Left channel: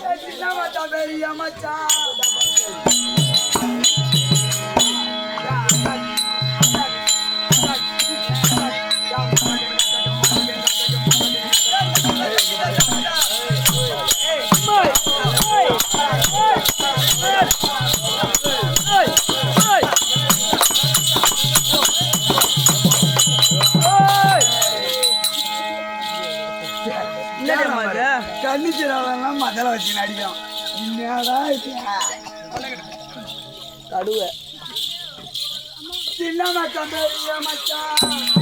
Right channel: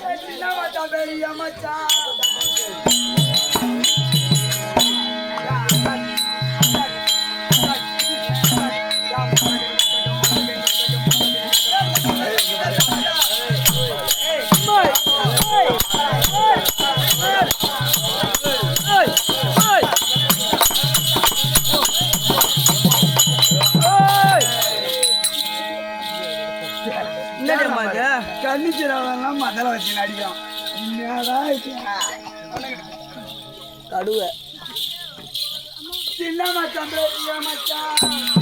தெரியுமா பெரிய மச்சா மச்சான் பெரிய மச்சான்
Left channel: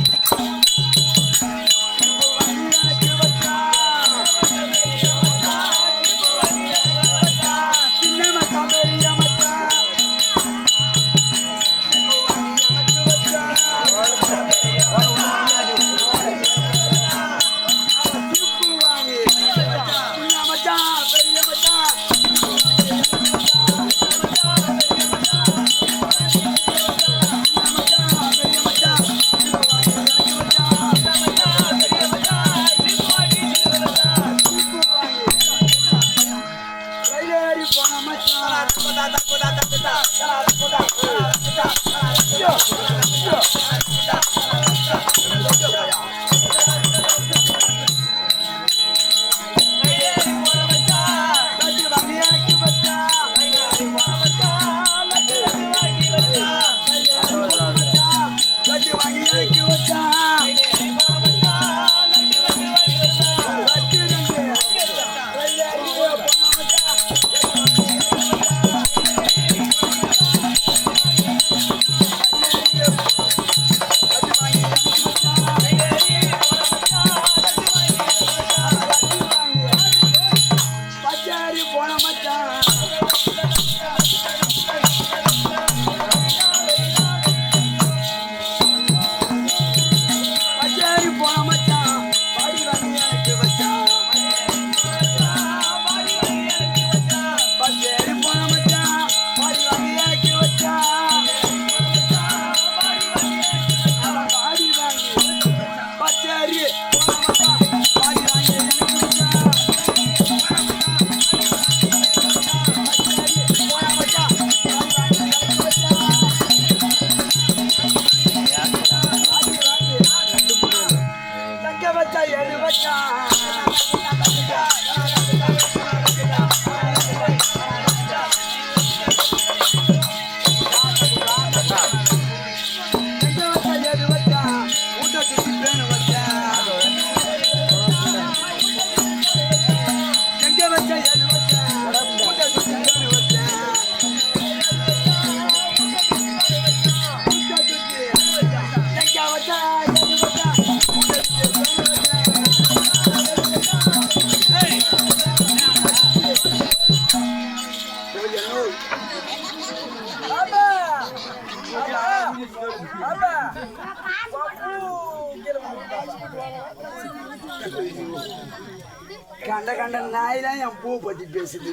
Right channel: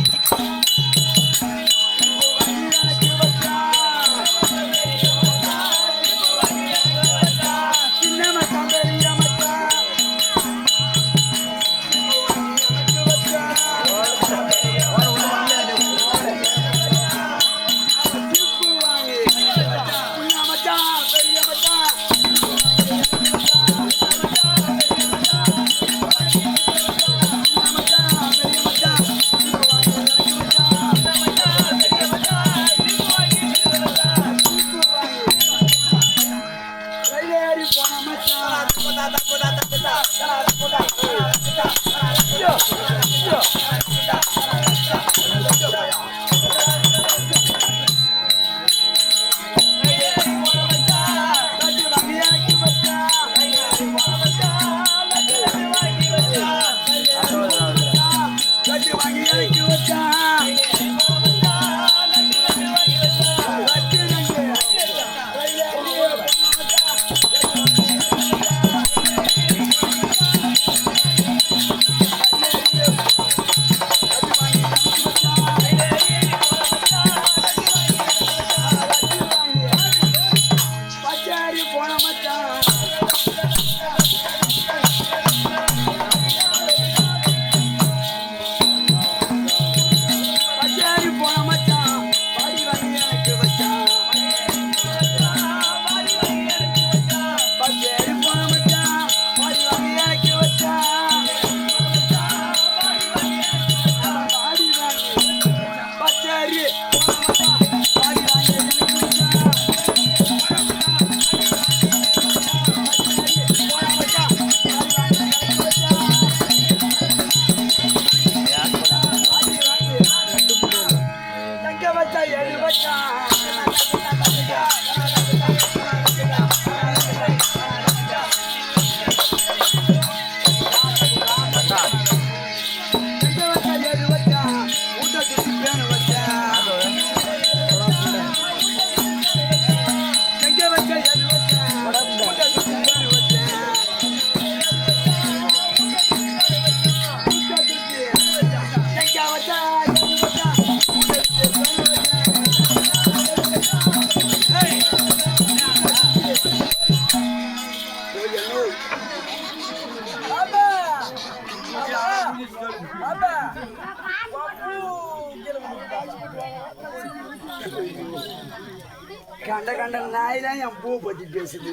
கண்ட கண்ட நாய் தான் என் பூ பத்தி பேசுது.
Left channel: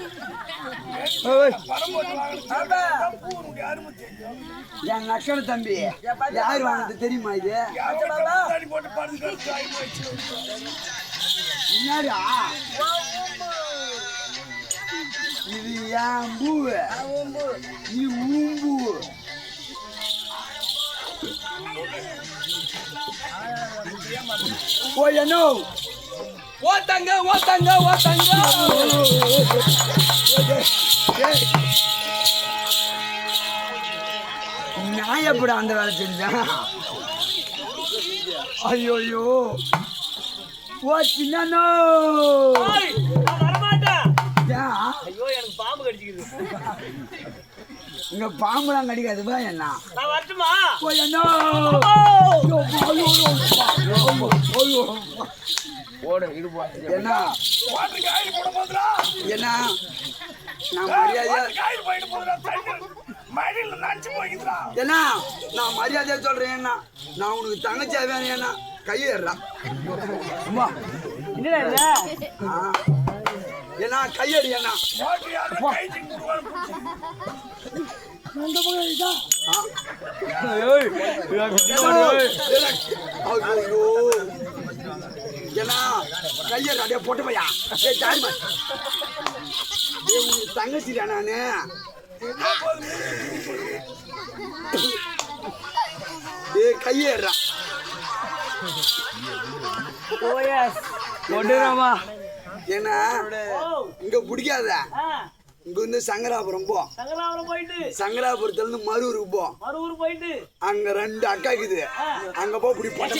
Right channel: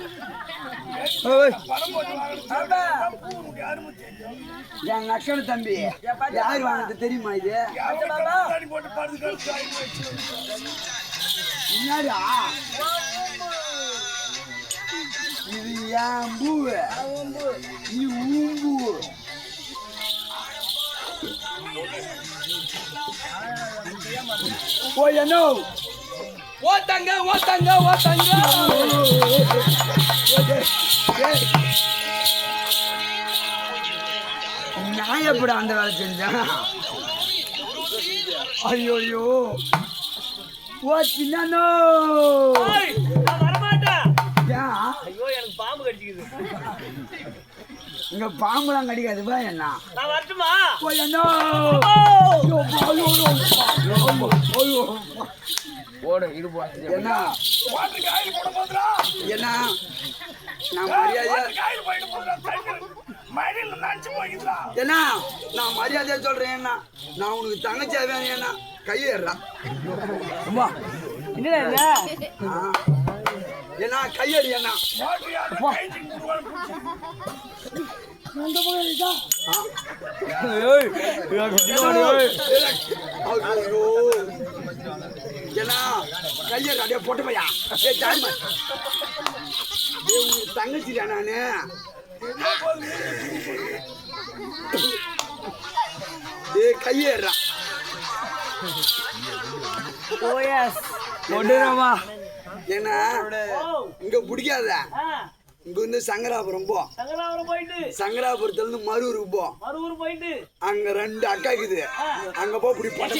என் நக்கனு தம்பி. யார் வாங்கினது தெரியுமா இது? என்னடா இது என் பூ நீ ஊம்பு ஓயனோ ஓத்தங்க ஓத்தங்க ஓத்தங்க நான் எப்படி அந்த வேலை செஞ்சேன் ஐயோயோ ஓ சின்னோ ஏய், வரமாட்டேன் ஐயோ எனக்கு பாம்பு கடிச்சிக்குது இங்க பாம்புலாம் கடிக்காது வா என்ன நான் வரட்டுமா? ஓ என்ன நான் மரியாதையா என்ன நான் மரியாதையா சொல்றேன் என்ன நான் உனக்கு தங்கச்சியா வேணும் என்ன கையேறா என்ன கையடி என்ன ஆ? ஐயோ என்ன கையேறா டே போட்டு பையா ஏ தாரிமா ஏய், உனக்கு தங்கச்சிடா நானு ஓஎஸ் ஏன்னா இங்க பிடிக்காத இங்க வந்து சங்கராபுரம் போ. சங்கராபுரம் போயிட்டு. சங்கராபுரத்துல இருந்து மரூருக்கு போ. மறுவூர் போயிட்டு. அங்க ரெண்டு அக்கா இருக்குது அங்க போ இப்படி போட்ட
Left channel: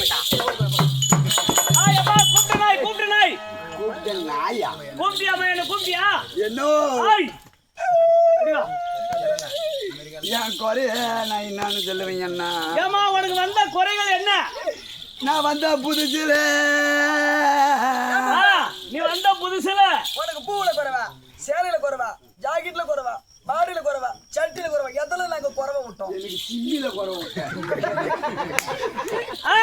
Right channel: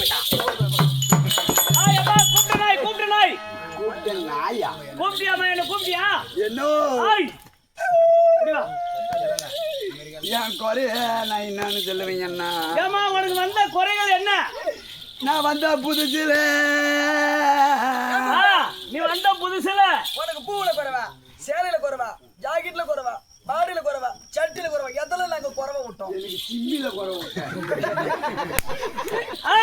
என்னோ. என் குறைய நான் என்னன்னு சொல்லுவேன் அண்ணா? ஏம்மா உனக்கு வந்த குறைகள் என்ன? நான் வந்த புதுசுல. நீ வந்த புதுசுல. உனக்கு பூவுல குறைவா? சேலையில குறைவா? ஜாக்கெட்ல குறைவா பாடியில குறைவா சட்டில குறைவா எதுல நாங்க குறைவா விட்டோம்? எனக்கு சிம்மில குறை விட்டேன். ஆ,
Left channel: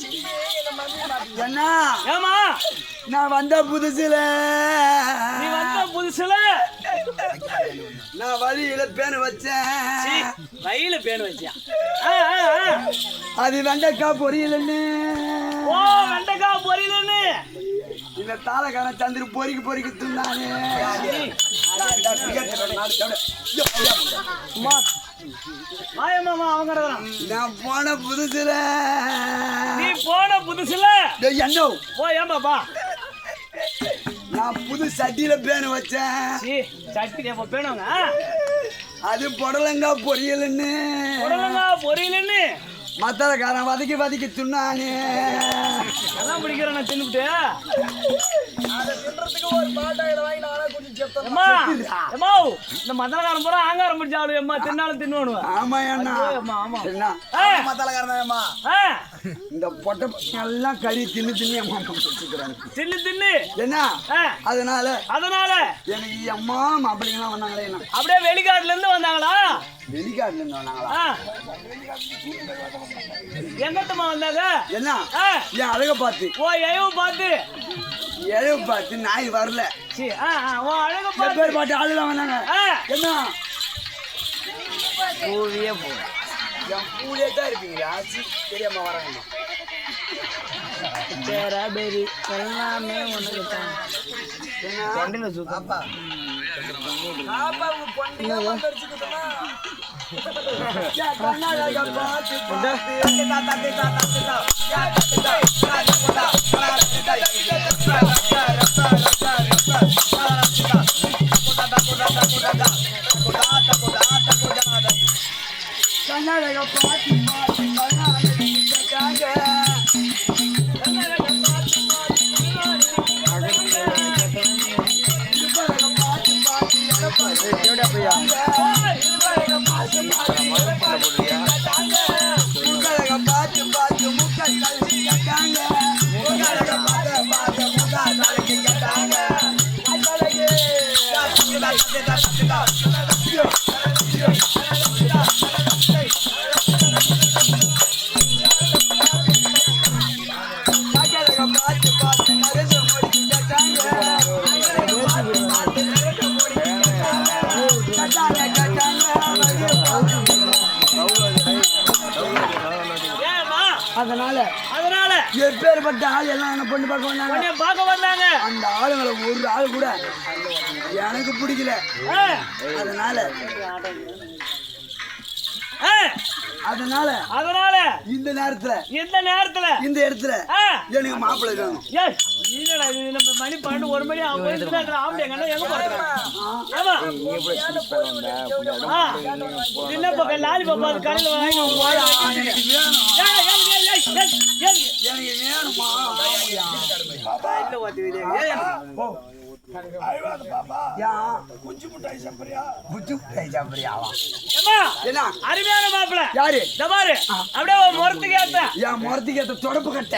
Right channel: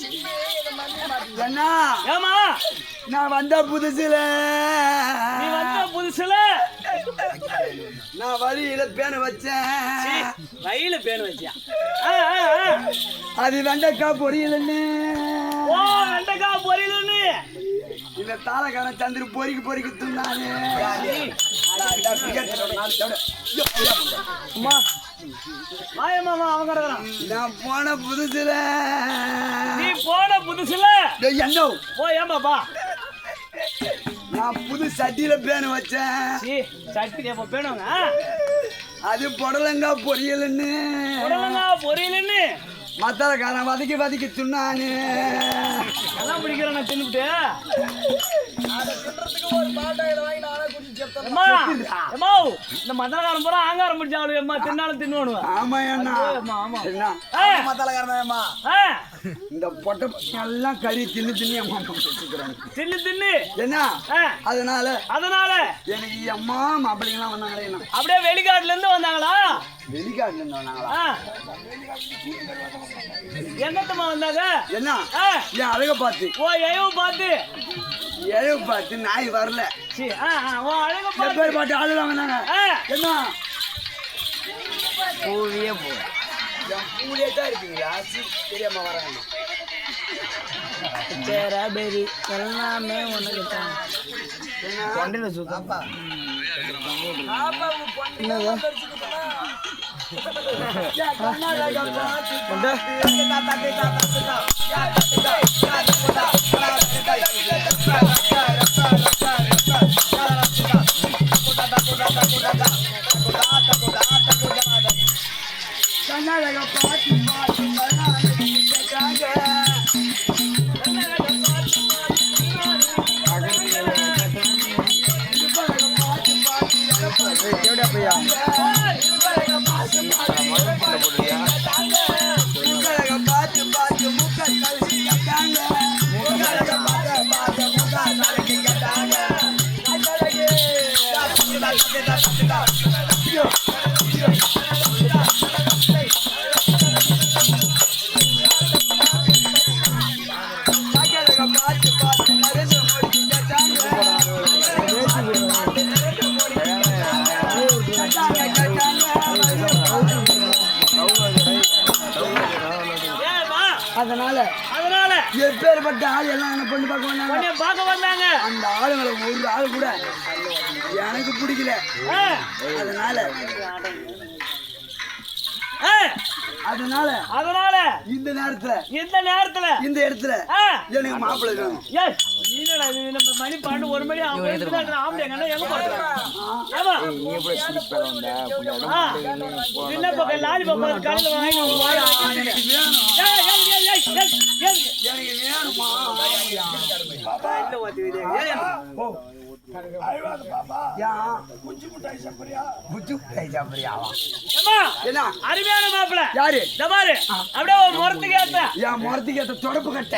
சிம்மி எங்க மம்மி மாட்டி அண்ணா ஏம்மா? நான் வந்த புதுசுல. நீ வந்த புதுசுல? நான் வழியில பேன வச்சேன். வயில பேன் ஆ. அது வெண்டைக்கா பொரியலன்னு ஓ வெண்டைக்கா பொரியலுன்னு. இந்த தாளக்காரன் சந்திர பொறிக்கு பொறிக்கு அம்மா மாயம்மா அவங்க நான் போன புதுசுல. நீ போன புதுசுல? என்னோ ஓ ஏமாப்பா நான் புது சட்டியில பேன வச்சேன். சி சட்டி எப்ப பேணுங்க அது புடலங்கா பொரியலன்னு. உடலங்கா பொரியலுன்னு? மத்தாளக்காரன் வதக்கி வதக்கி துண்ணானே எல்லாம் பிடிக்கிறேன் நான் தின்னுபிட்டு. அதை தின்றதுக்கு ஒரு பாட்டாயில வாங்கி நானே அம்மா அம்மா இந்த மதலகாரம் பூரா ஆங்காரம் பிடிச்ச ஆளு அம்மா தின்னாலும் தின்னுவானுவ. ஆமா அண்ணா. அம்மா ஆமா. மத்தாலக்காரனேம்மா ஆ, இந்த பொட்டை பசங்க எல்லாம் கறி தின்னு தின்னு அம்மா வச்சுக்கிறாங்க தின்னு தின்னு. என்ன? ஆ, அதனால? அதனால? எனக்கு அம்மா மாப்பிள்ளைங்களாம் வந்தாங்களே என்ன? அப்படியே வெளிக்காட்டுல இருந்து வந்தாங்களா? வெளிக்காட்டுல இருந்து வந்தாங்களா ஆ. எங்கத்தம்மா வந்தாங்க? என்ன? என் அழக பார்த்து. ஓ எயவு பார்த்து. இழவு பார்த்து நாய் வரல. சி ஆ ஆ, ஓ அழக பார்த்து. பேர் பார்த்து ஆளுதான் வந்தாங்க. என்ன? பூவியே போ. என் பூலே தான் இருக்கீங்களா? சி, தெரியாம வராங்கம்மா. சேராடேரி எல்லாமே பாப்பா. பாப்பா என் கண்ணாடிய பார்த்து எல்லாம் என்ன பொண்ணு பார்க்க வந்தாங்க? பார்க்க வந்தாங்க. அந்த ஆளுங்களை ஒரு ஆள் கூட எனக்கு பிடிக்கல. அதனால அதனால அதனால இந்த நேரத்துல இந்த நேரத்துல இந்த இடத்துல எனக்கு மாப்பிள்ளை வேணும் என்னடா இது நம்ம மணி பன்னெண்டு ஒரு மணி போது ஆம்பளை எங்க போறான் என்ன பக்கம் லாலி பாப்பா கடையில் எனக்கு வேணும் என்ன அருமையான மாப்பிள யாரு? அப்படியே ஏத்த என் ஏத்த தொடப்பு கட்ட.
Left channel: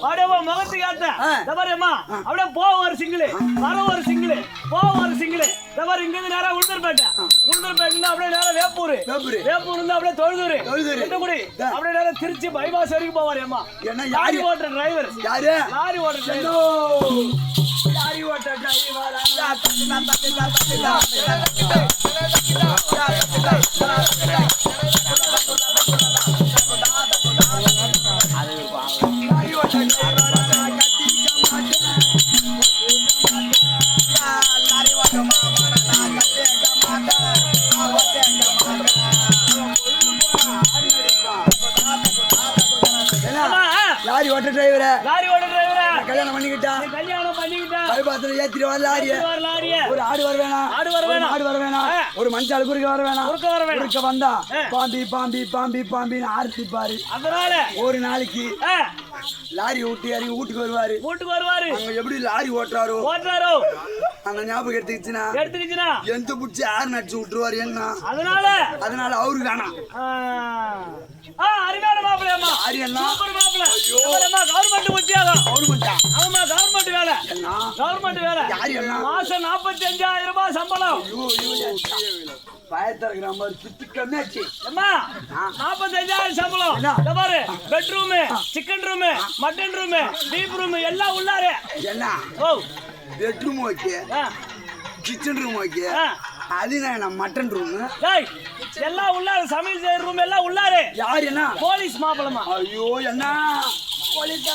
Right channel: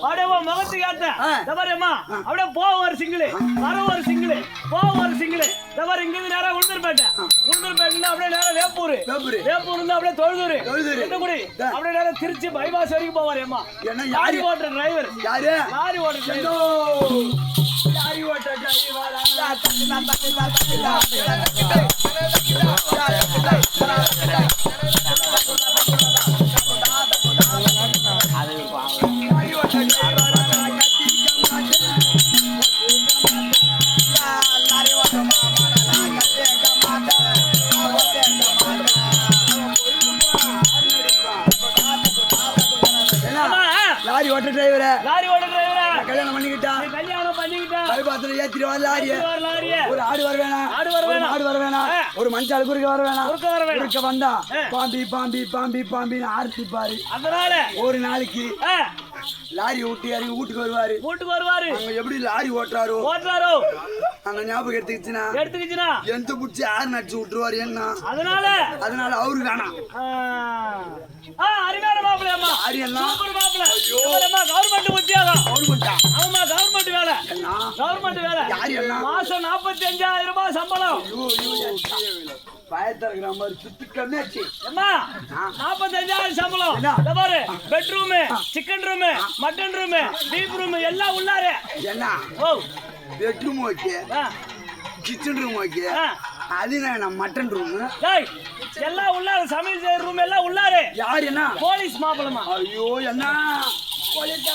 அப்படியே முகத்துக்கு ஏத்த ஆ. இந்த பாரு அம்மா அப்படியே போ ஒரு சிங்கிள். வர ஒரு சிங்கிள். போ ஒரு சிங்கிள். இந்த பாரு இங்க இருந்து நேரா உளுந்தூர்பேட்டை. உளுந்தூர்பேட்டை அப்படியே நேரா வேப்பூர். வேப்பூரு. இருந்து அப்படியே தொழுதூர். தொழுதூரு. அப்படியே நேரா திருச்சி பைபாஸ் வரைக்கும் போவாரு அம்மா என்ன லாரி யாரு ஓட்டுற டிரைவர் யாரு? லாரி ஓட்டுற டிரைவர்! லாரி ஓட்ட டிரைவரா? லாரி பைபாத்துல ஏத்திட்டு வர லாரிய வர லாரிய ஒரு ஆடு வர வேணாம். ஒரு மாடு வர வேணாம். ஒரு மனுஷாள் குறுக்க வர வேணாம். குறுக்க வந்தா பாம்பி பாம்பி பாம்பி பாம்பின்னு ஆர்த்திப்பாரு. அதனால? ஒரு நாளைக்கு லாரி விட்டு இறங்கி வீட்டுக்கு வருவாரு. வீட்டுக்கு வருவாரு. அங்க எப்படி லாரி ஓட்டுறாரோ? ஓட்டுறாரோ? அந்த ஞாபகம் எடுத்துக்கிச்சுன்னா எடுத்துக்கிச்சுனா எந்த பிடிச்சி யார் நடிச்சு விட்டுருவாரு என்ன? அதனால? அதனால அவரு வேணாம் ஆ, மாப்பிள்ளை அம்மா கவர்மெண்ட் உத்தியோகம்? கவர்மெண்டா ஆமா கவர்மெண்ட் வேலை. கவர்மெண்ட் வேலை. மாசம் நாற்பத்தி அஞ்சாயிரம் ரூபாய் சம்பளம். இருக்கிற மாதிரி பித்து கம்மியாச்சு அம்மா நாற்பத்தி அஞ்சாயிரம் சம்பளம்? இந்த பாரு bedroom chicken room mutton room beef room எல்லாம் உள்ளாரு. என்ன? ஓ. Bedroom okay. Kitchen room okay. அது நான் மட்டன் ரூம் டேய் எல்லாம் உள்ளாரு சமையல் செய்யற ரூம் எல்லாம் உள்ளாரு யார் என்ன போலீஸ் மாப்பிளமா ஐயோ என்ன பொழுது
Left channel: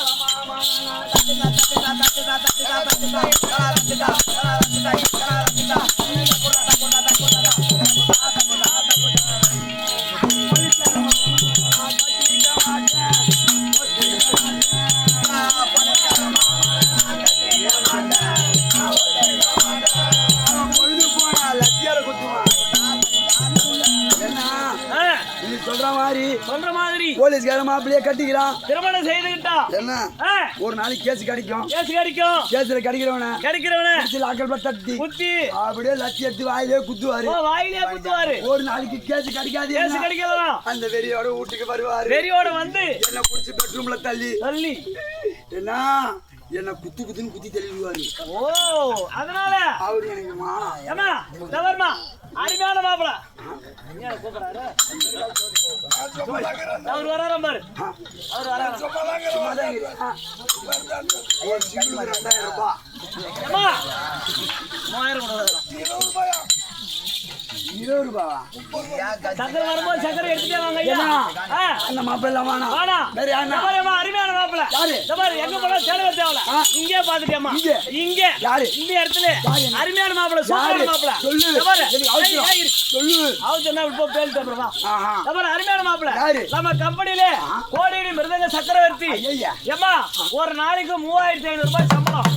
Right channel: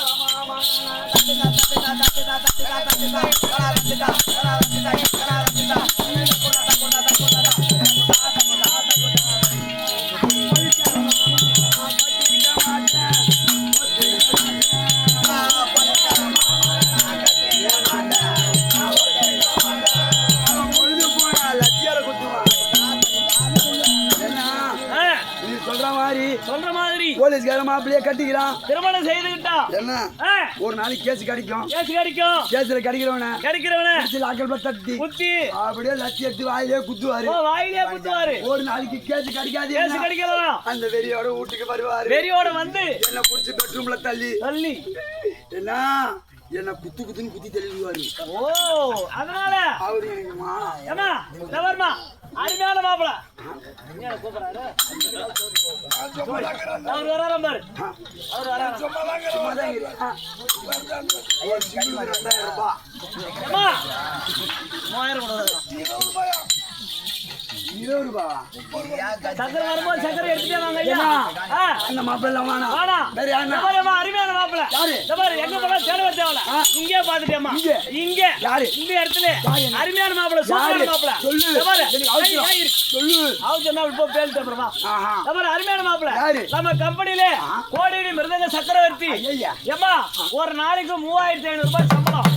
சொல்ற மாதிரி போலீஸ்கார மாப்பிள்ளைய கட்டிக்கிறான். திருமணம் செய்துகிட்டா என்ன? ஒரு நாளைக்கு கேஸ் கிடைக்கும். கேஸ் கிடைக்கும். கேஸ்ல கிடைக்கிறவன. கிடைக்கிறவன. சில போய் தட்டி. குத்தி. அப்படியே லட்சி எடுத்து வாயிலே குத்துவாரு. வாயிலே குத்துவாரு. ஒரு நாளைக்கு கேஸ் கிடைக்காது கேஸ்? கிடைக்கலாம் அந்த வெறியோட வீட்டுக்கு வருவாரு. வெறியோட வந்து என்ன புடிச்சு பெட்ரூம்ல தள்ளி. தள்ளி. என்ன? என்ன குத்து குத்துன்னு குத்தி தள்ளிடுவாரு. ஓ அதனால? அவரு எனக்கு மா ஏமா தவறுமா அருமையான மாப்பிள. கூப்பிடுறாரு. அவர் வராராம் பாரு. அவர் வராராம் சும்மாதான் இருக்கிறேன். ஆ. இருபது ரூபாவா? சக்கரை வரும்போது சக்கரை எடுத்துட்டே வாங்க ஐயா அந்த மாப்பிள்ளை வேற அருமையான மாப்பிள யாரு? இந்த பாரு எங்க போனா தேடவே தேவல இங்கே பாத்துட்டியம்மா இங்க? யாரு? இந்த இடத்துல? அருமையான மாப்பிள யாரு? சூப்பரான மாப்பிள சொல்லு. எனக்கு அவசரம். சொல்லு. அவசரம் என்ன இப்போ பேல் அப்புறமா அருமையான மாப்பிள யாரு? நம்ம கம்பெனில கோடிடி மிருதங்க சக்கரவர்த்தி ஐயா. ஏம்மா ஒரு நாளைக்கு மூவாயிரத்தி ஐநூறு ரூபாய் சம்பளம்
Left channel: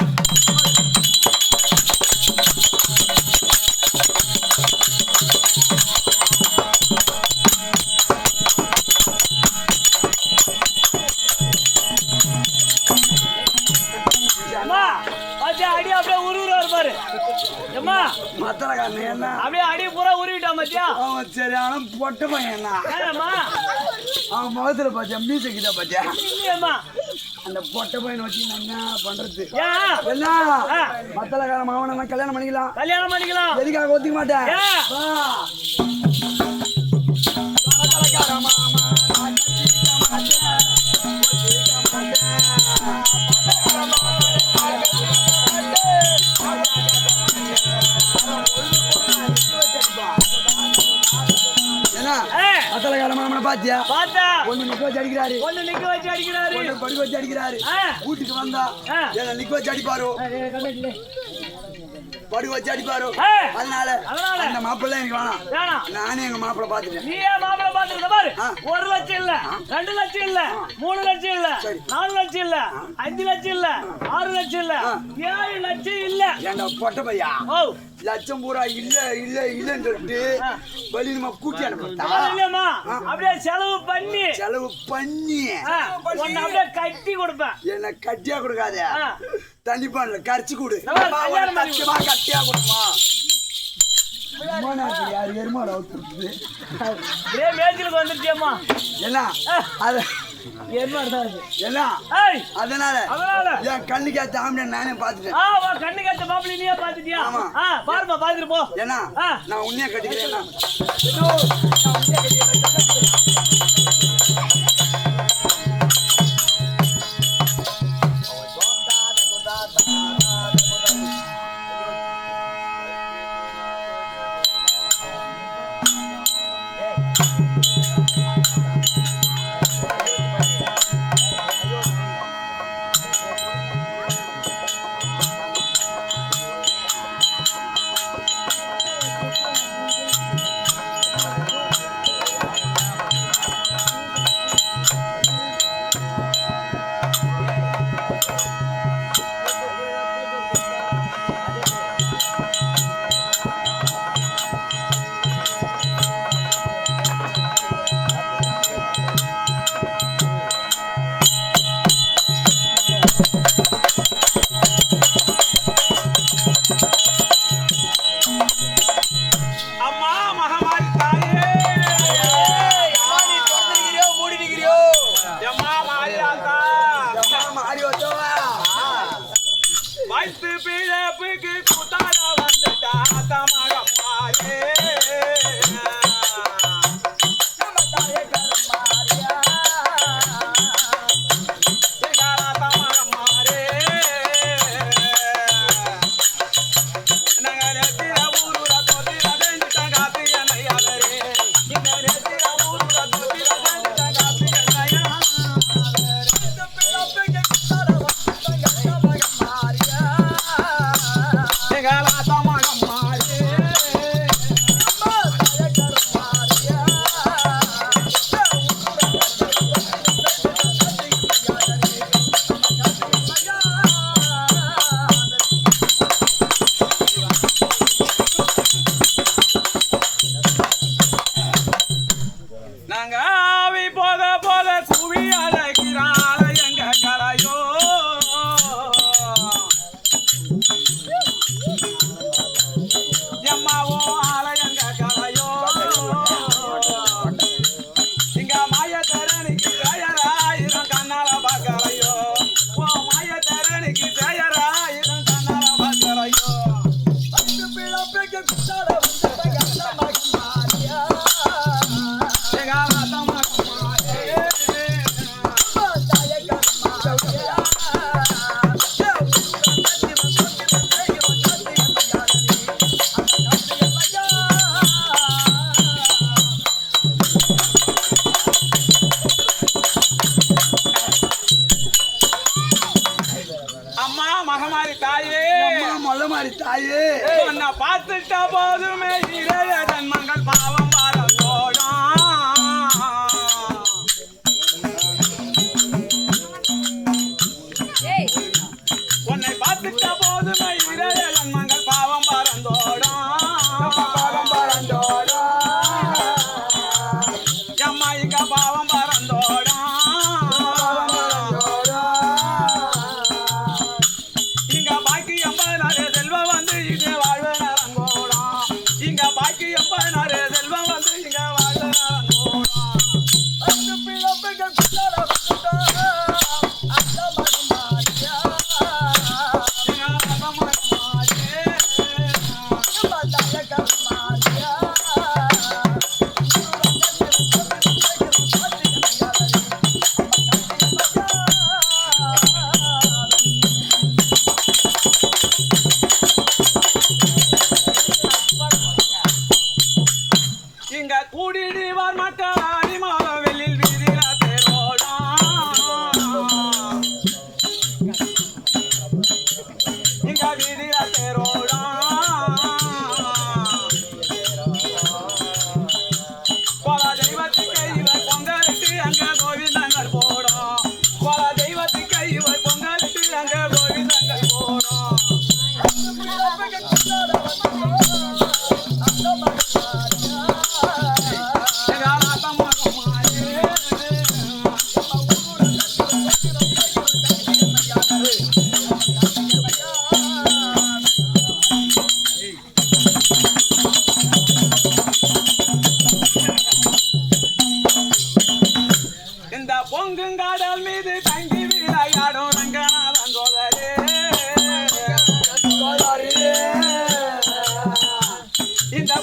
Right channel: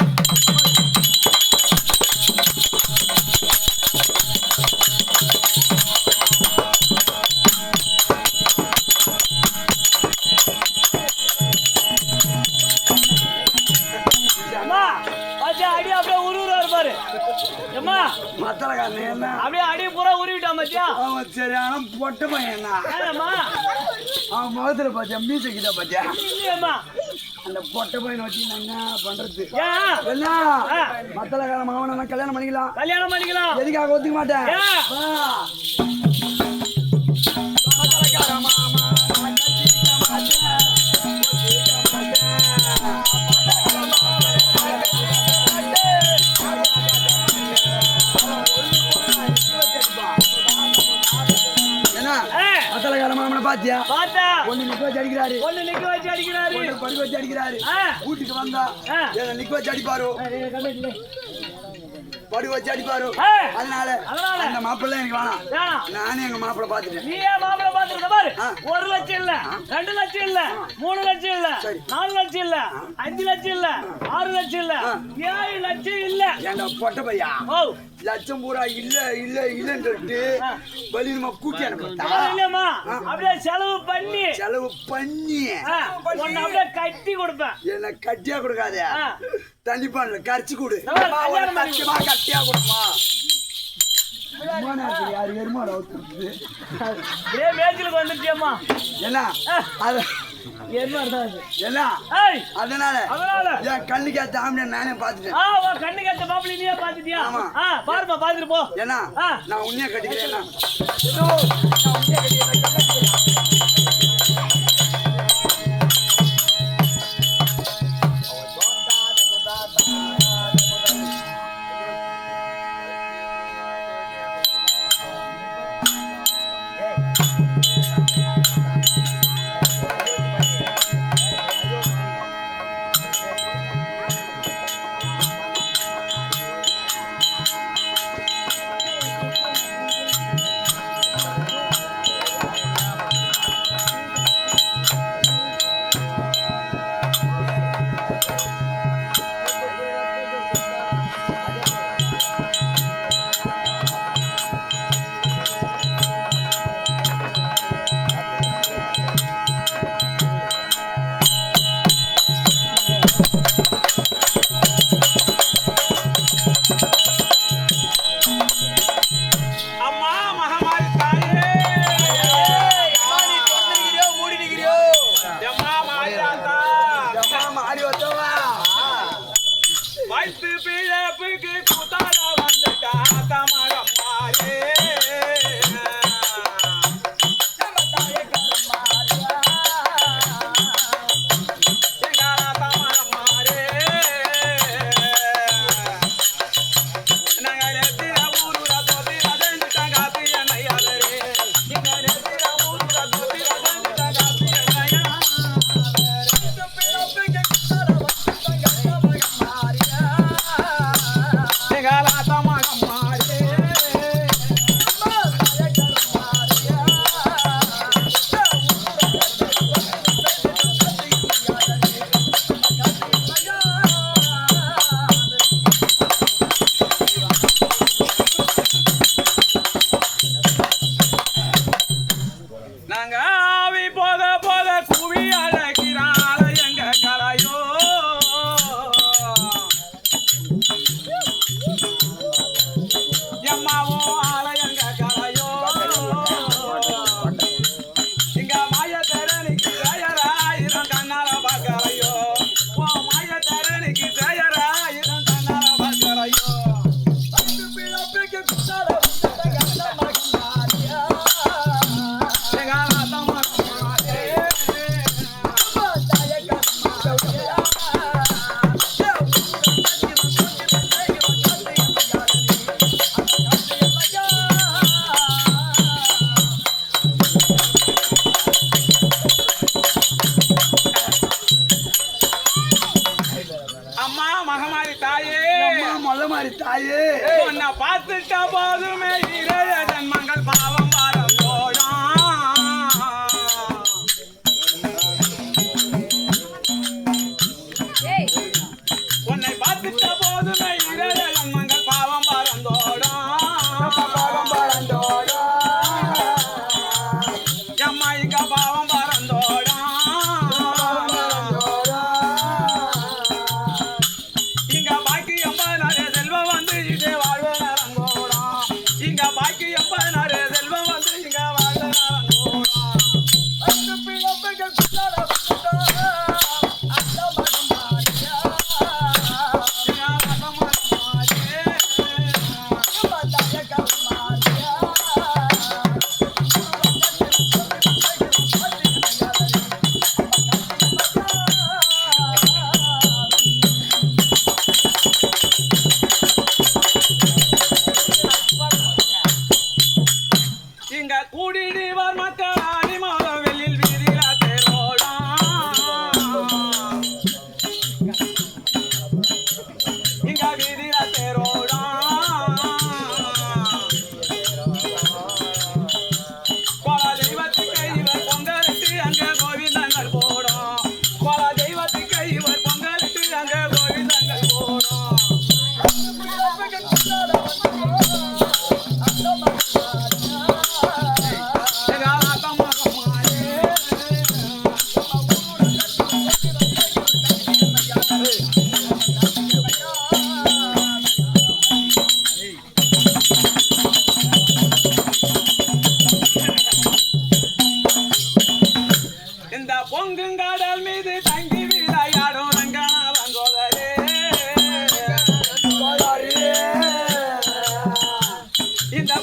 மத்தளக்காரன் என்ன? அப்படியே அடி பூரா உருவிட்டான் பாத்தியா? அவன் சரியான பொட்டை பையன் அவன் முகத்துல பாத்தியா மீசை கிட்ட பாத்தியா அந்த பொட்டை பையனை வச்சு என்ன பண்றது? என்ன? மத்தளக்கார மாவன நான் கல்யாணம் பண்ணிக்கலாம். கல்யாணம் பண்ணிக்கலாம். எதுக்காக ஒத்துக்க மாட்டேன்? பாத்தியா? ஒண்ணு நிக்க வச்சு அடிக்கிறாரு. ஒண்ணு நிக்க வச்சு அடிக்கிறாரு. ஒண்ணு படுக்க வச்சு அடிக்கிறாரு. வீட்டுக்கு வந்தா நிக்க வச்சு அடிப்பாரு? படுக்க வச்சு அடிப்பாரு. அதனால அதனால? அந்த மாப்பிள்ளை எனக்கு வேணாம். வேணாம். நானே எங்க மாப்பிள்ளை பாத்துட்டேன் நீ ஏன் மாப்பிள்ளை பாத்துருக்க பாரு. ஒரு லட்சம் இல்ல ரெண்டு லட்சம் இல்ல மூணு லட்சம் இல்ல நாலு லட்சம் இல்ல அஞ்சு லட்சம் இல்ல ஆறு லட்சம் இல்ல ஏழு லட்சம் இல்ல. ஏன்டா பொட்ட பையா? லட்சம் பூரா இல்ல இல்ல இல்லன்னு சொல்லிட்டு ஆ. வெளி நம்ம கூட்டி அனுப்பிட்டா? அப்படியே செலவு பண்ணி. செலவு பண்ணி. அப்படியே கட்டி கொடுப்பேன். என்ன கட்டியா கொடுக்காத ஆ. தண்ணி பண்ணல கரைச்சு கொடு சத்தியமா கட்டியா கொடுமா. யாரு? எருமாடா ஊத்துறது? இதே மேய்ச்சலுக்கு வந்துருச்சியம்மா. என்ன அது அதனால அதனால? என் கண்ணுக்கு ஏத்த ஆம்பளை நானே பாத்துட்டேன் கண்ணு கட்ட மாப்பிள்ளை நீயே பாத்துட்டியா ஆமா. ஆ பாருமா பாத்துட்டு போ. ஏன்னா ஆ. நான் உன்னைய கட்டிக்கிறேன்.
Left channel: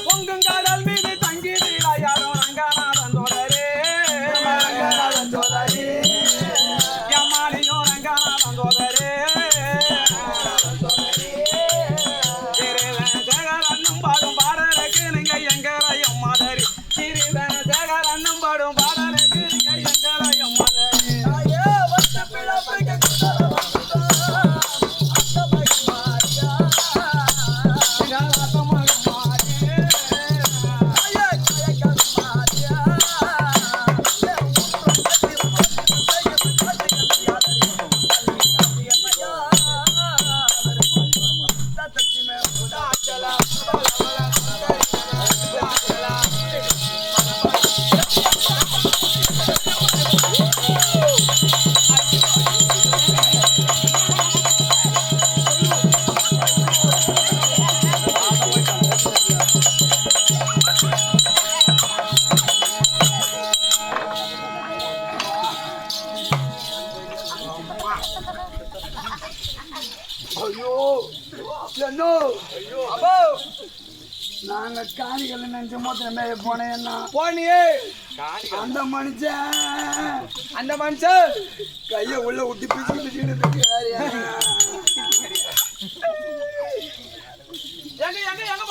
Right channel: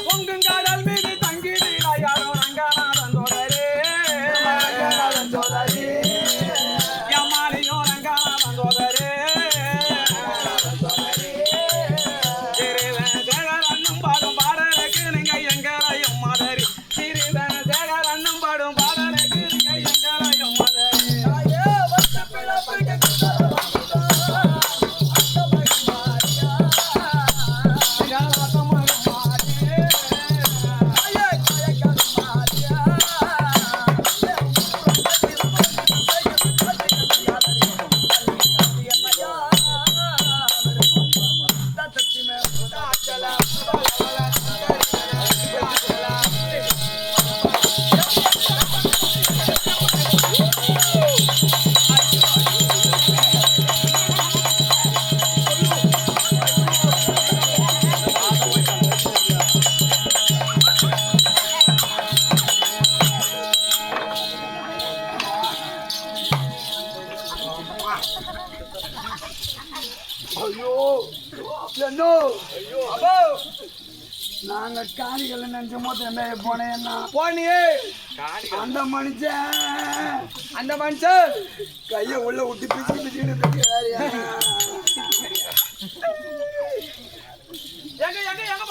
பொங்குங்க என்ன போனேன் என்ன போனியே. அந்த மனுஷன். அந்த மனுஷன். கையை உள்ள விட்டு பிச்சு பிச்சுன்னு எங்க எங்க எங்க